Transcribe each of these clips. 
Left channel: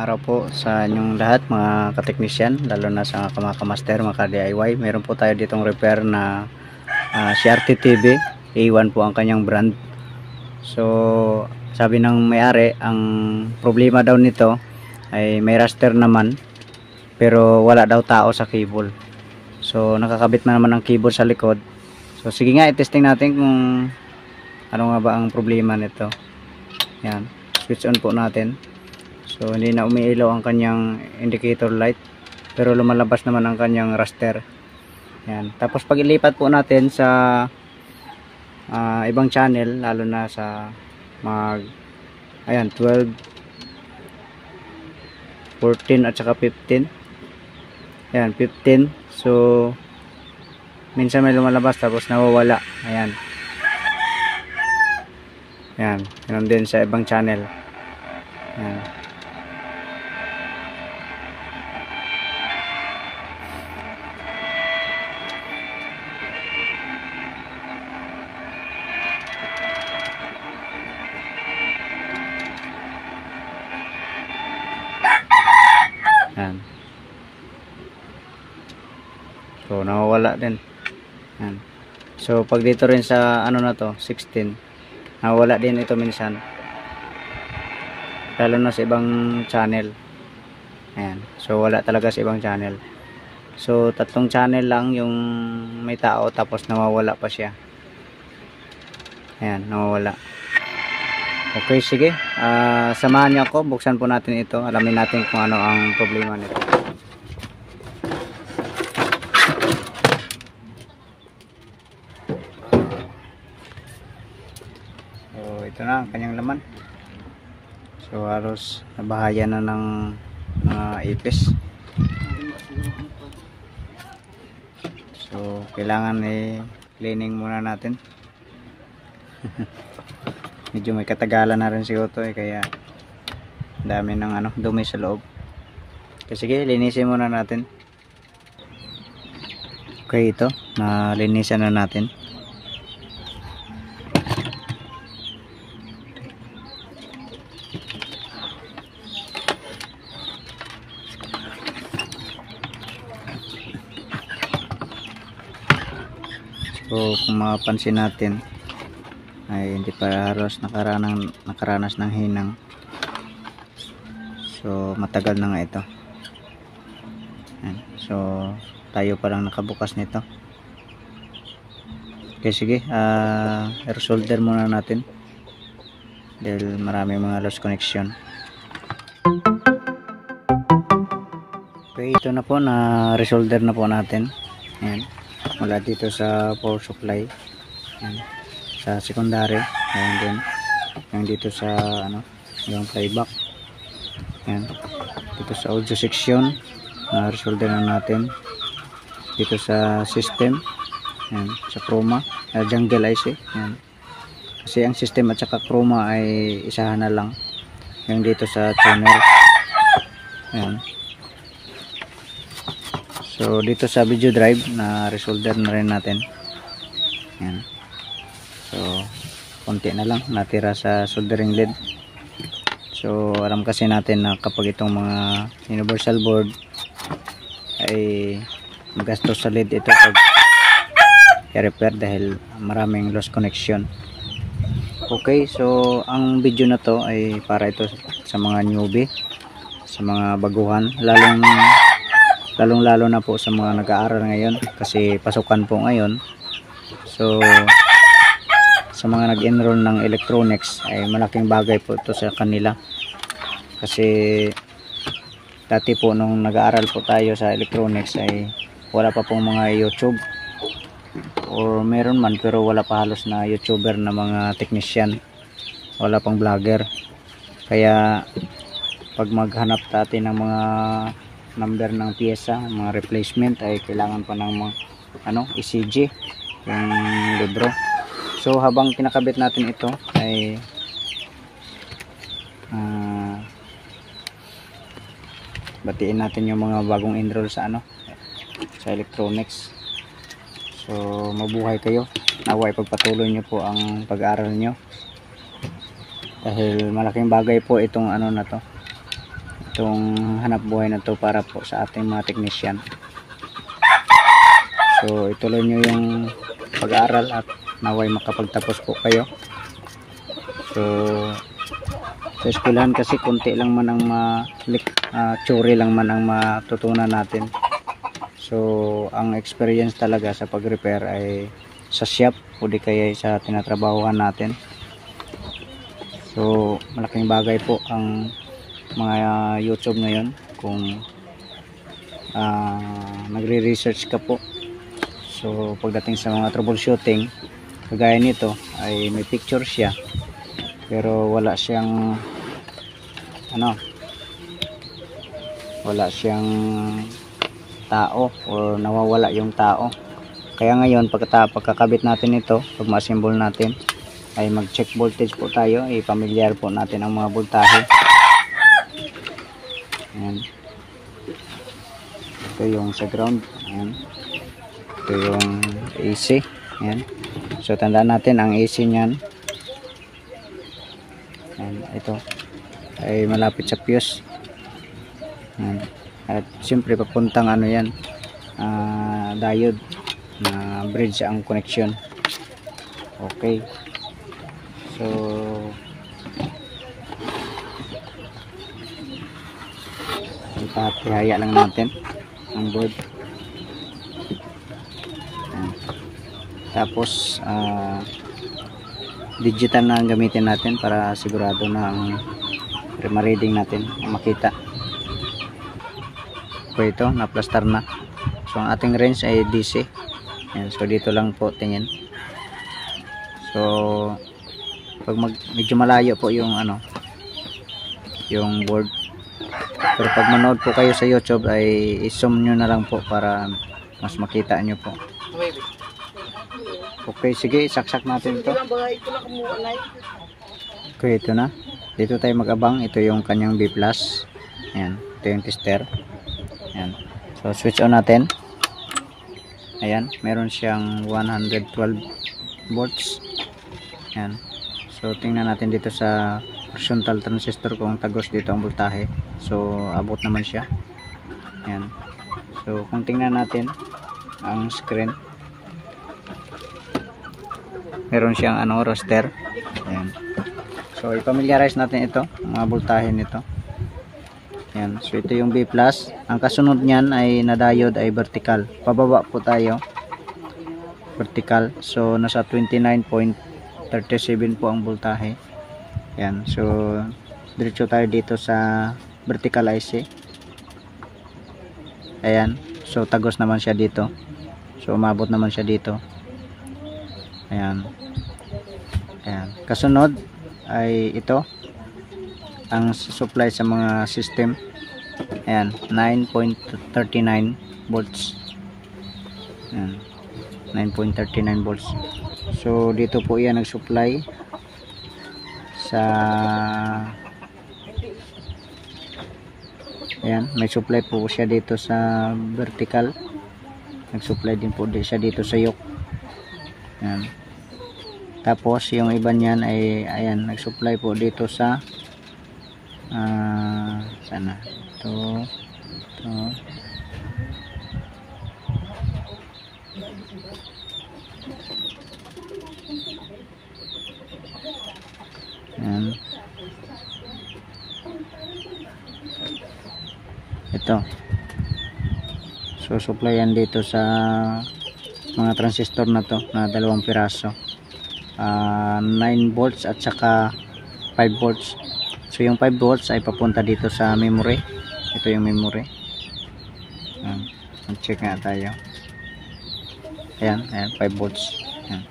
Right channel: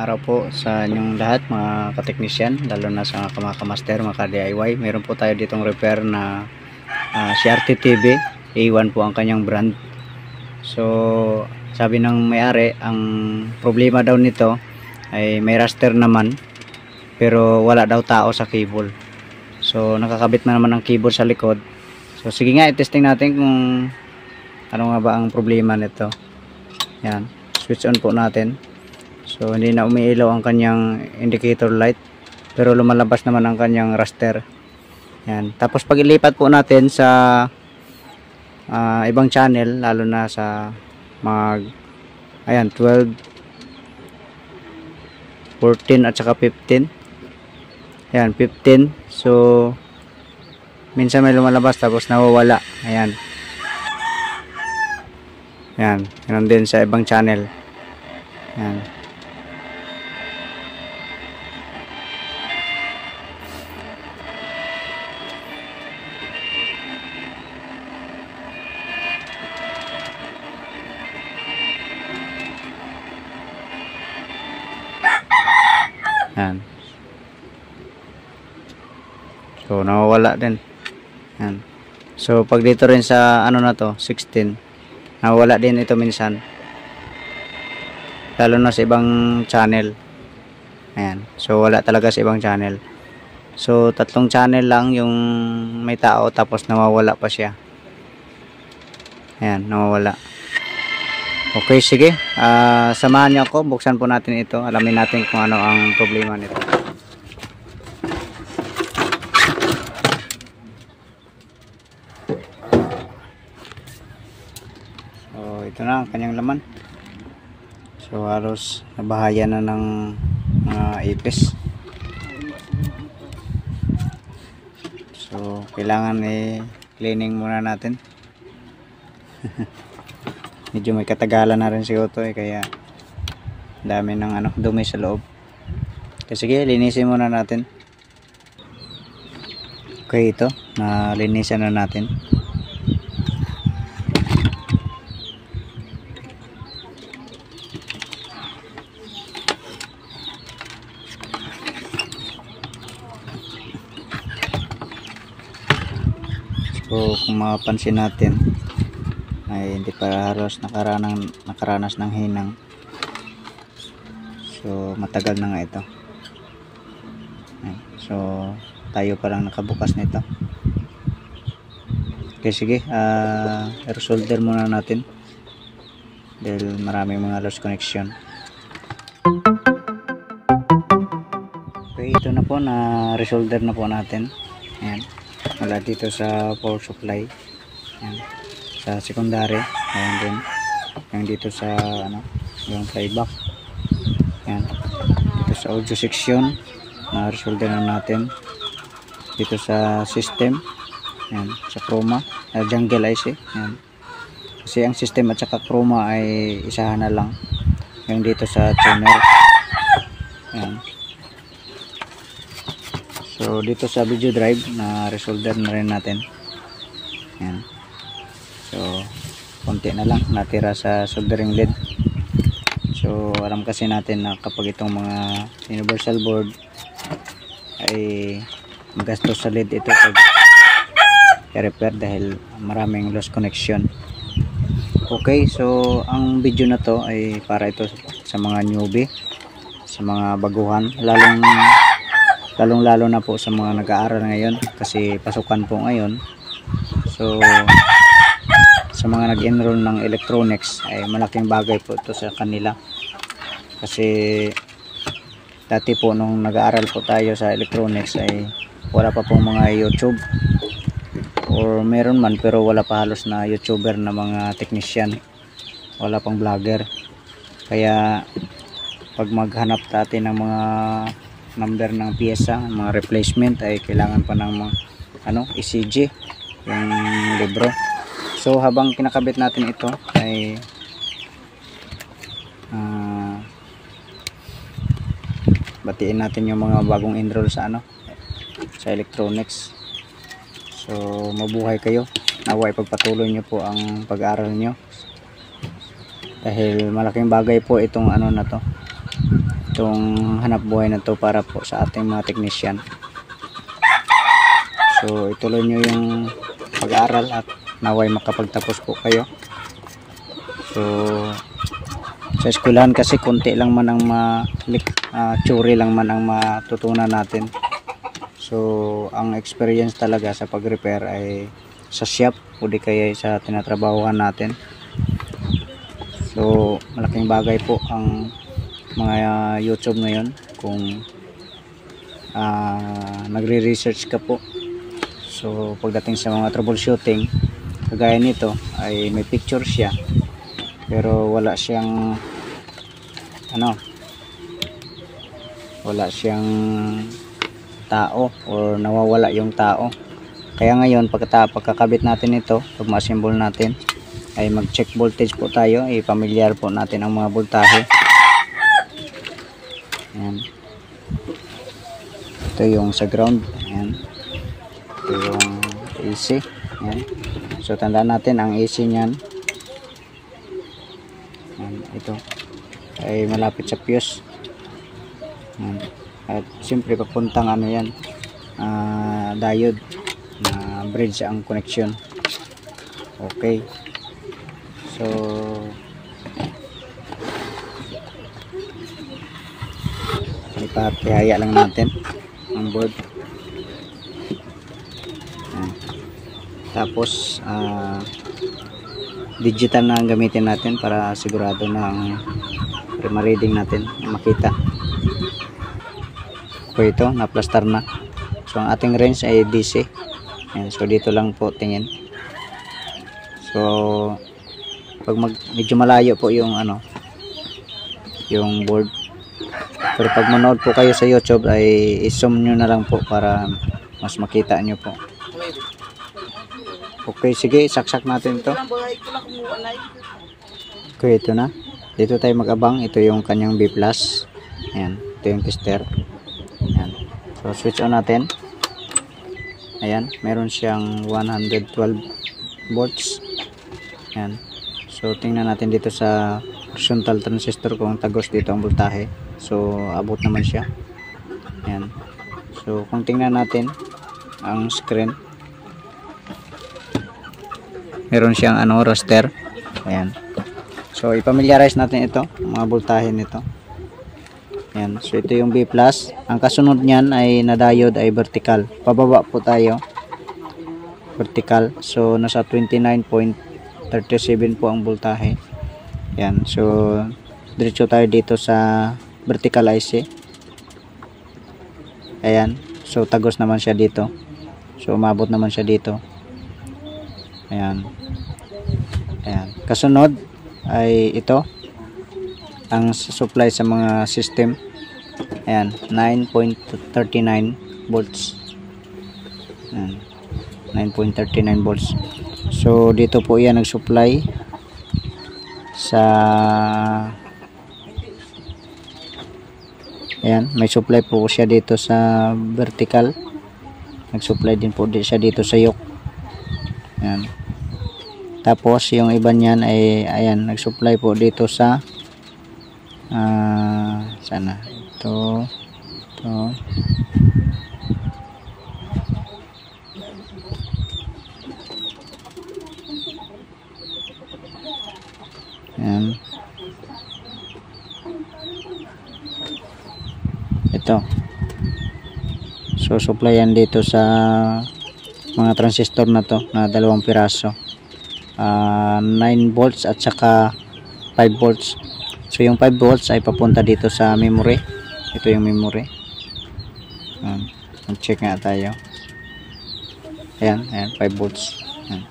araw po sa inyong lahat mga kateknisyan, lalo na sa mga kamaster, mga ka-DIY. Meron po tayo ditong repair na CRT TV. A1 po ang kanyang brand. So sabi ng may-ari, ang problema daw nito ay may raster naman pero wala daw tao sa cable. So nakakabit na naman ang cable sa likod. So sige nga, i-testing natin kung ano nga ba ang problema nito. Yan, switch on po natin. So hindi na umiilaw ang kanyang indicator light, pero lumalabas naman ang kanyang raster. Yan. Tapos pag ilipat po natin sa ibang channel, lalo na sa ayan, 12, 14 at saka 15. Ayan, 15. So minsan may lumalabas tapos nawawala. Ayan. Ayan, ganun din sa ibang channel. Ayan. Ayan. So nawawala din. Ayan. So pag dito rin sa ano na to, 16, nawawala din ito minsan, lalo na sa ibang channel. Ayan. So wala talaga sa ibang channel. So 3 channel lang yung may tao, tapos nawawala pa siya. Ayan, nawawala. Okay, sige, samahan niyo ako, buksan po natin ito, alamin natin kung ano ang problema nito. So ito na ang kanyang laman. So halos nabahaya na ng mga ipis. So kailangan i-cleaning muna natin. Medyo may katagalan na rin siguro to kaya dami ng dumi sa loob. Kasi sige, linisin muna natin. Okay, ito nalinisan na natin. So kung mapapansin natin ay hindi pa halos nakaranas ng hinang. So matagal na nga ito. So tayo pa lang nakabukas nito. Okay, sige, i-solder muna natin dahil maraming mga lost connection. Okay, ito na po, na resolder na po natin. Ayan, mula dito sa power supply, ayan, sa secondary, ayan din, yung dito sa yung playback, ayan, dito sa audio section na resolder na natin, dito sa system, ayan, sa chroma, jungle IC, ayan, kasi ang system at saka chroma ay isahan na lang, yung dito sa tuner, ayan. So dito sa video drive na resolder na rin natin, ayan. So konti na lang natira sa soldering lead. So alam kasi natin na kapag itong mga universal board ay magastos sa lead ito pag i-repair dahil maraming lost connection. Okay, so ang video na to ay para ito sa mga newbie, sa mga baguhan, lalong lalo na po sa mga nag-aaral ngayon kasi pasukan po ngayon. So sa mga nag-enroll ng electronics ay malaking bagay po ito sa kanila, kasi dati po nung nag-aaral po tayo sa electronics ay wala pa pong mga YouTube, or meron man pero wala pa halos na YouTuber na mga technician, wala pang vlogger. Kaya pag maghanap natin ng mga number ng piyesa, mga replacement, ay kailangan pa ng mga ECG, yung libro. So habang kinakabit natin ito ay batiin natin yung mga bagong enroll sa sa electronics. So mabuhay kayo, naway pagpatuloy nyo po ang pag-aaral nyo dahil malaking bagay po itong na to, itong hanap buhay na to para po sa ating mga technician. So ituloy nyo yung pag-aaral at naway makapagtapos po kayo. So sa eskwelahan kasi konti lang man ang theory lang man ang matutunan natin. So ang experience talaga sa pag-repair ay sa shop o di kaya sa tinatrabahuhan natin. So malaking bagay po ang mga YouTube ngayon kung nagre-research ka po. So pagdating sa mga troubleshooting kagaya nito ay may picture siya pero wala siyang wala siyang tao o nawawala yung tao. Kaya ngayon pagkakabit natin ito, pag ma-assemble natin ay mag-check voltage po tayo, i-familiar po natin ang mga voltahe. Ayan. Ito yung sa ground. Ayan. Ito yung AC. Ayan. So tandaan natin ang AC niyan. Ayan. Ito ay malapit sa fuse. Ayan. At siyempre papuntang yan, diode na bridge ang connection. Okay. So ipahaya lang natin ang board. Ayan. Tapos digital na ang gamitin natin para sigurado na ang ma-reading natin makita. Okay, ito na plaster na. So ang ating range ay DC. Ayan, so dito lang po tingin. So pag medyo malayo po yung yung board. Pero pag manood po kayo sa YouTube ay i-zoom nyo na lang po para mas makita nyo po. Okay, sige, saksak natin ito. Okay, ito na. Dito tayo mag-abang. Ito yung kanyang B+. Ayan, ito yung tester. Ayan. So switch on natin. Ayan, meron siyang 112 volts. Ayan. So tingnan natin dito sa horizontal transistor kung tagos dito ang voltahe. So abot naman siya. Ayan. So kung tingnan natin ang screen, meron siyang raster. Ayan. So i-familiarize natin ito, mga voltahe nito. Ayan. So ito yung B+. Ang kasunod niyan ay na diode ay vertical. Pababa po tayo. Vertical. So nasa 29.37 po ang voltahe. Ayan. So diretso tayo dito sa vertical IC. Ayan. So tagos naman siya dito. So umabot naman siya dito. Ayan. Ayan. Kasunod ay ito ang supply sa mga system. Ayan, 9.39 volts. Ayan, 9.39 volts. So dito po yan nag-supply sa, ayan, may supply po siya dito sa vertical. Nag-supply din po siya dito sa yoke. Ayan. Tapos yung iba niyan ay ayan, nag-supply po dito sa sana ito ayan, ito. So supply yan dito sa mga transistor na to na 2 piraso, 9 volts at saka 5 volts. So yung 5 volts ay papunta dito sa memory. Ito yung memory. Check nga tayo. Ayan, ayan, 5 volts. Ayan.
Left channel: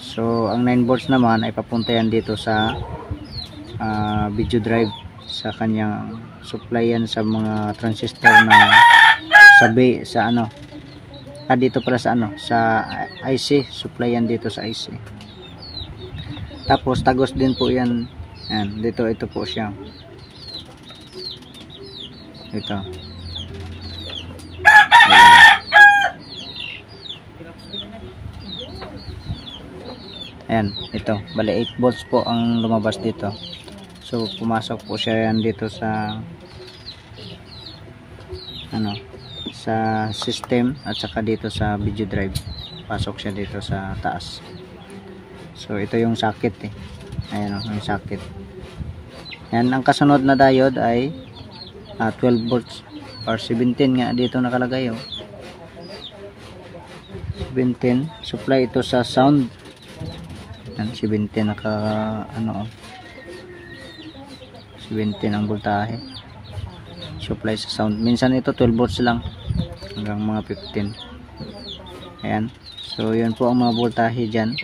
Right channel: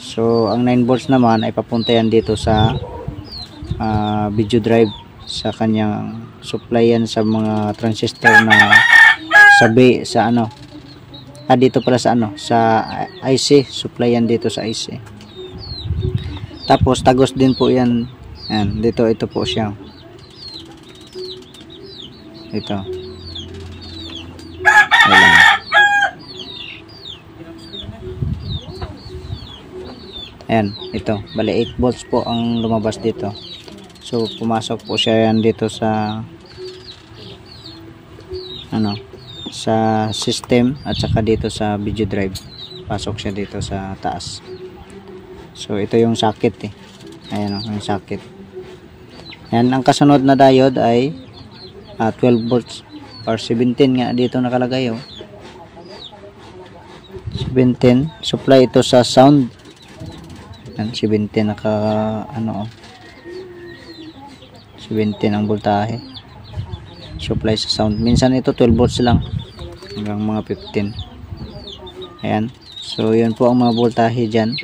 So ang 9 volts naman ay papunta yan dito sa video drive, sa kanyang supply yan sa mga transistor na dito pala sa sa IC, supply yan dito sa IC. Tapos tagos din po yan. Ayan, ito po siya. Ito. Ayan. Ayan, ito. Bali 8 volts po ang lumabas dito. So pumasok po siya yan dito sa sa system at saka dito sa video drive. Pasok siya dito sa taas. So ito yung socket eh. Ayan yung socket. Yan, ang kasunod na diode ay 12 volts or 17 nga dito nakalagay 17. Supply ito sa sound. Yan, 17 naka 17 ang voltahe. Supply sa sound. Minsan ito 12 volts lang hanggang mga 15. Ayan. So yun po ang mga voltahe dyan.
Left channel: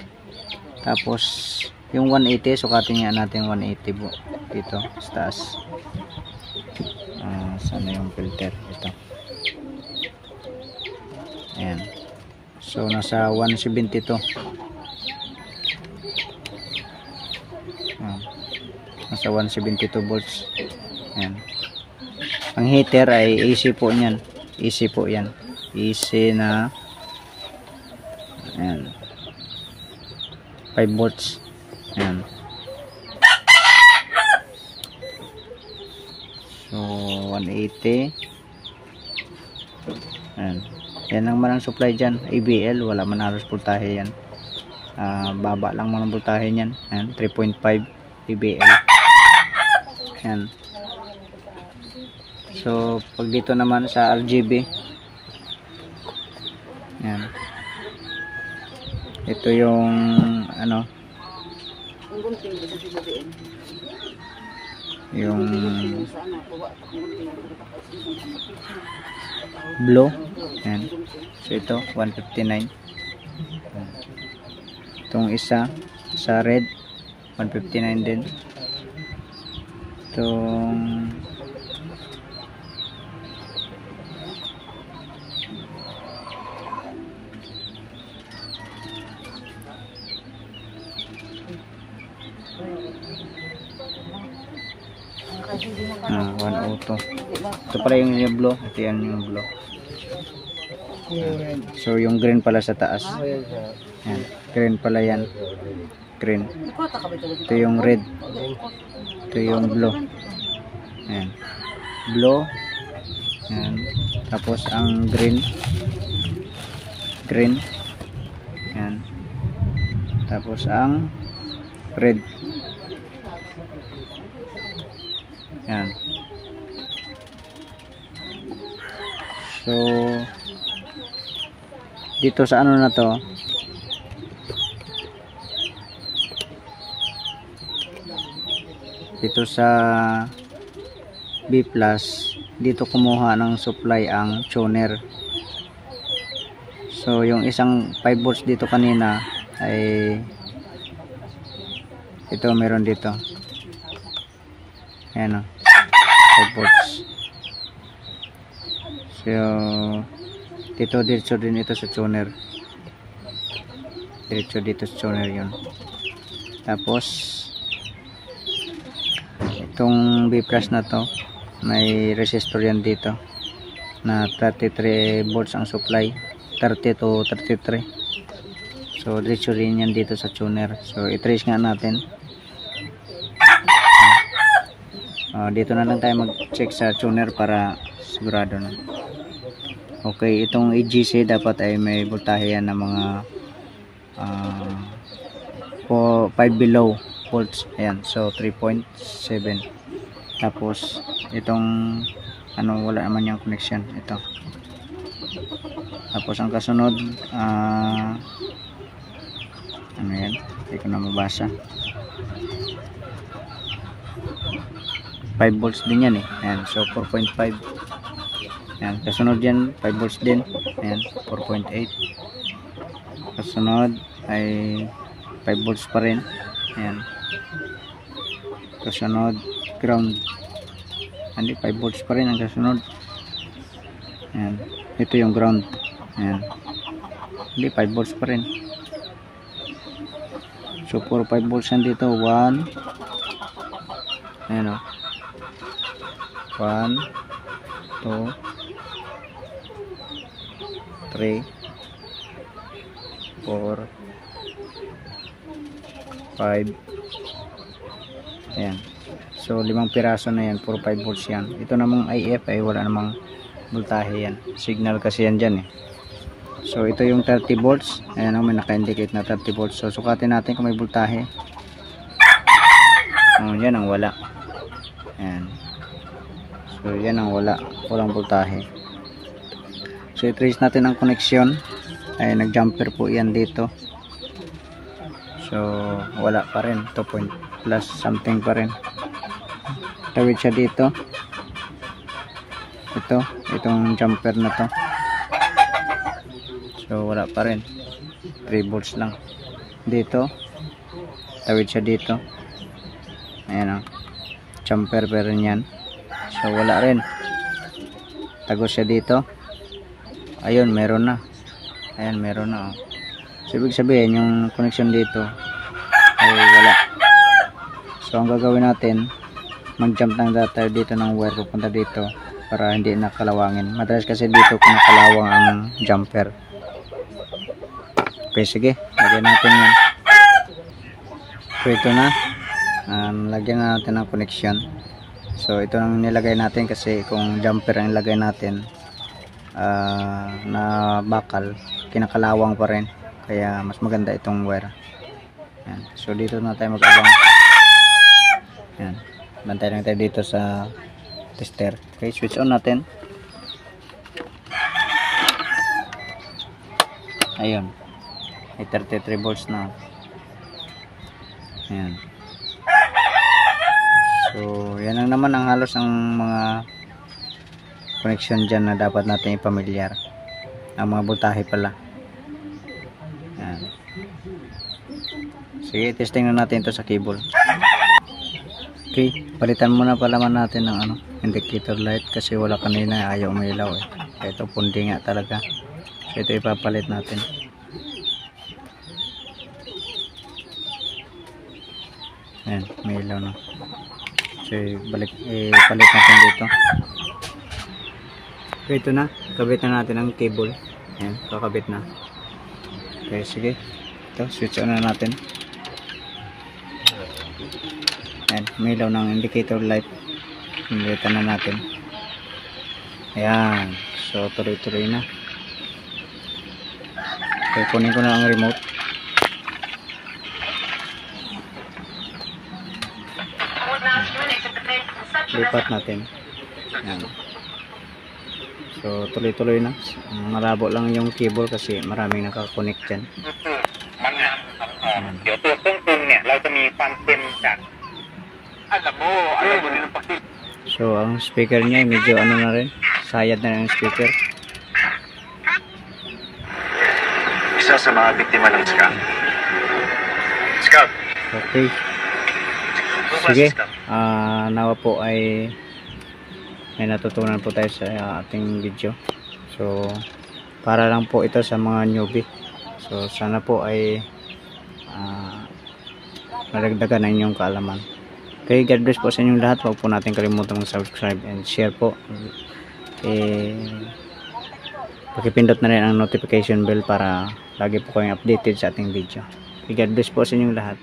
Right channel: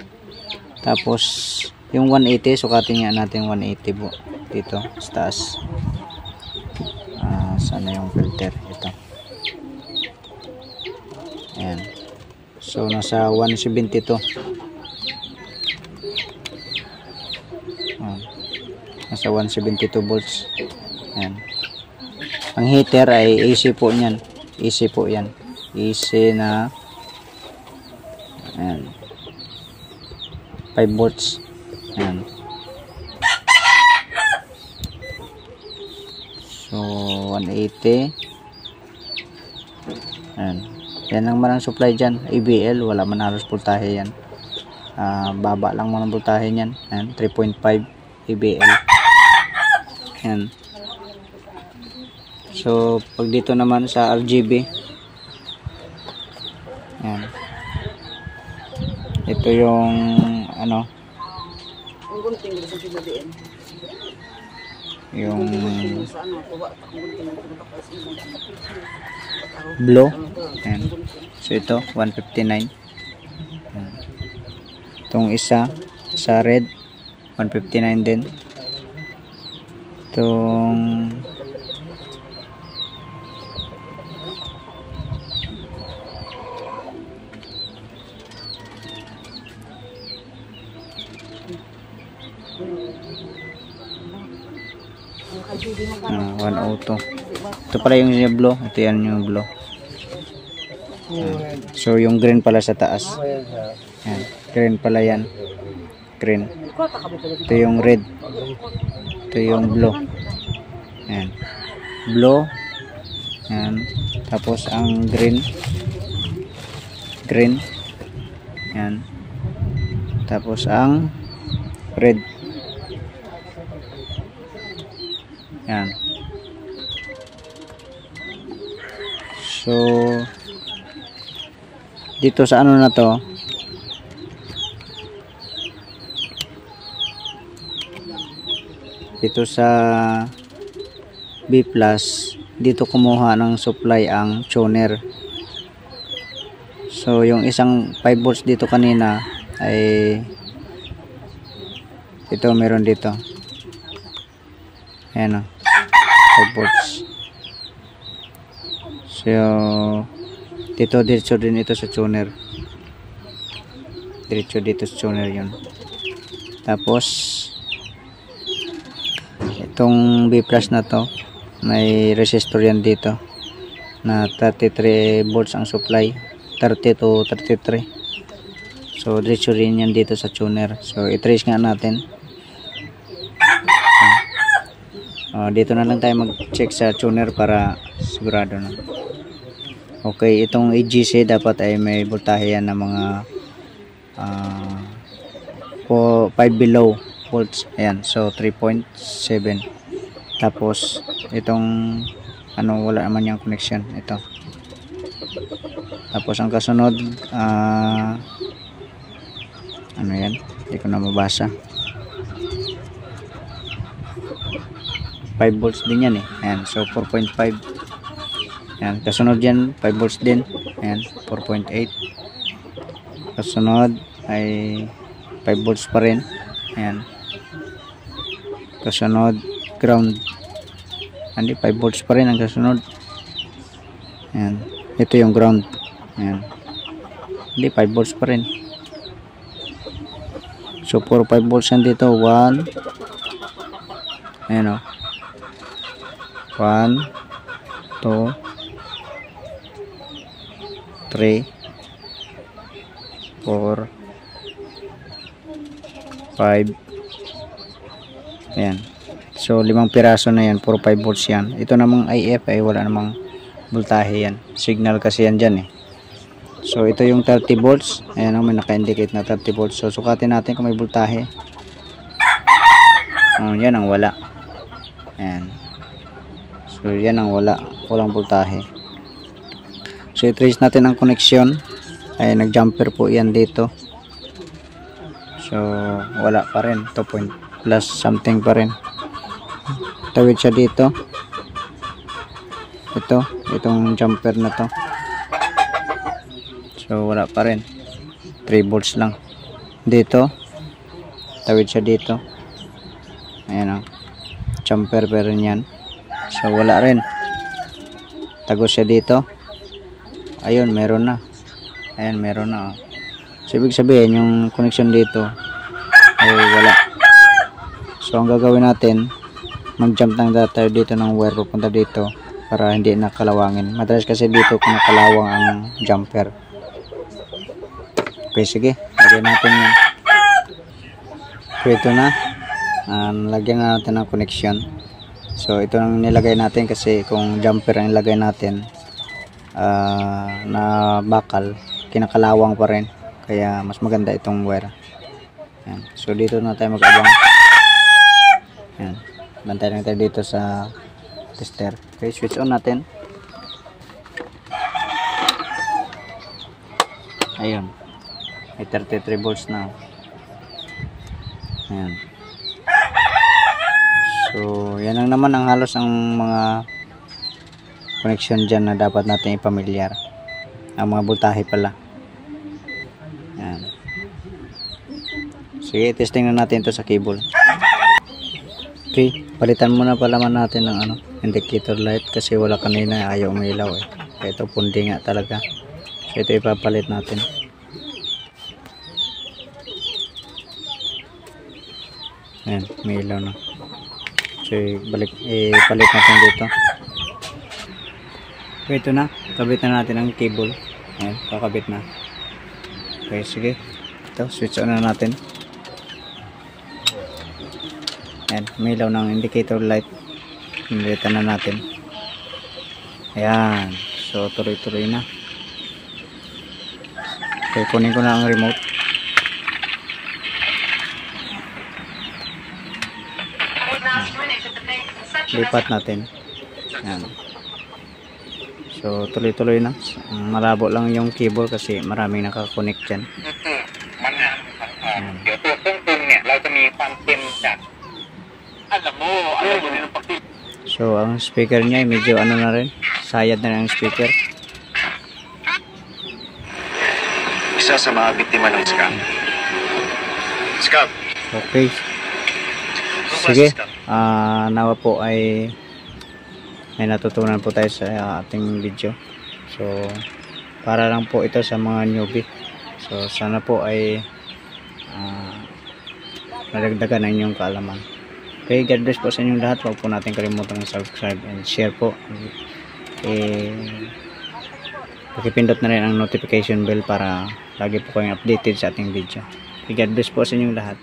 Tapos yung 180, sukatin nga natin 180 po dito sa taas. Sana yung filter ito. Ayan. So nasa 172. Nasa 172 volts. Ayan. Ang heater ay AC po niyan. AC po yan. AC na ayan, 5 volts. Ayan. So 180. Ayan. Yan ang manang supply dyan. ABL. Wala man halos voltahe yan. Baba lang man ang voltahe niyan. Ayan. 3.5 ABL. Ayan. So pag dito naman sa RGB, ayan, ito yung yung blue. Ayan. So ito 159. Itong isa sa red 159 din. Itong one auto. Ito pala yung blue. Ito yan yung blue. So yung green pala sa taas. Yan. Green pala yan. Green. Ito yung red. Ito yung blue. Yan. Blue. Yan. Tapos ang green. Green. Yan. Tapos ang red. Yan. So dito sa na to, dito sa B+, dito kumuha ng supply ang tuner. So yung isang 5 volts dito kanina ay ito meron dito. Ayan 5 volts. So dito diretso din ito sa tuner. Diretso dito sa tuner yun. Tapos itong B+ na to, may resistor yan dito na 33 volts ang supply, 30 to 33. So diretso rin yan dito sa tuner. So i-trace nga natin. Dito na lang tayo mag-check sa tuner para sigurado na. Okay, itong AGC dapat ay may voltahe yan na mga 5 below volts. Ayan, so 3.7. Tapos itong wala naman yung connection ito. Tapos ang kasunod yan, hindi ko na mabasa. 5 volts din yan eh. Ayan, so 4.5. Ayan, kasunod yan 5 volts din. Ayan, 4.8. Kasunod ay 5 volts pa rin. Ayan. Kasunod ground. Hindi, 5 volts pa rin ang kasunod. Ayan. Ito yung ground. Ayan. Hindi, 5 volts pa rin. So 4 5 volts yan dito. 1. Ayan o. 1 2 3 4 5. Ayan. So 5 piraso na yan, puro 5 volts yan. Ito namang IF ay wala namang voltahe yan, signal kasi yan dyan eh. So ito yung 30 volts, ayan may naka-indicate na 30 volts. So sukatin natin kung may voltahe. Yan ang wala. Ayan. So yan ang wala, walang voltahe. So i-trace natin ang connection. Ay nag-jumper po yan dito. So wala pa rin, 2 plus something pa rin. Tawid siya dito. Itong jumper na to. So wala pa rin, 3 volts lang. Dito tawid siya dito. Ayan o, jumper pa rin yan. So wala rin, tagos siya dito. Ayun, meron na. Ayan, meron na. So ibig sabihin yung connection dito ay wala. So ang gagawin natin, mag-jump ng data dito ng wire pupunta dito para hindi nakalawangin. Madalas kasi dito kung nakalawang ang jumper. Okay, sige, lagyan natin yan. So ito na, lagyan na natin ng connection. So ito nang nilagay natin kasi kung jumper ang ilagay natin na bakal, kinakalawang pa rin, kaya mas maganda itong wire. Yan. So dito na tayo mag-abang. Yan. Bantay lang tayo dito sa tester. Okay, switch on natin. Ayun, may 33 volts na. Ayan. So yan lang naman ang halos ang mga connection dyan na dapat natin ipamilyar. Ang mga voltahe pala. Ayan. Sige, testing na natin ito sa cable. Okay, palitan muna pala natin ng indicator light kasi wala kanina, ayaw umilaw eh. Kaya ito pundi nga talaga. So ito ipapalit natin. Ayan, may ilaw na. So ipalit natin dito. So ito na, kabit na natin ang cable. Ayan, kakabit na. Okay, sige. Ito, switch on na natin. Ayan, may ilaw ng indicator light. Pilitan na natin. Ayan, so tuloy-tuloy na. Okay, kunin ko na ang remote. Lipat natin. Ayan. So tuloy-tuloy na. Malabo lang yung cable kasi maraming nakakonect dyan. Ayan. So ang speaker niya medyo na rin, sayad na ang speaker. Isa sa mga biktima ng scam. Scam. Okay. Sige, nawa po ay may natutunan po tayo sa ating video. So para lang po ito sa mga newbie. So sana po ay nadagdagan ang inyong kaalaman. Okay, God bless po sa inyong lahat. Huwag po natin kalimutan mag-subscribe and share po. Pakipindot na rin ang notification bell para lagi po kayong updated sa ating video. Okay, God bless po sa inyong lahat.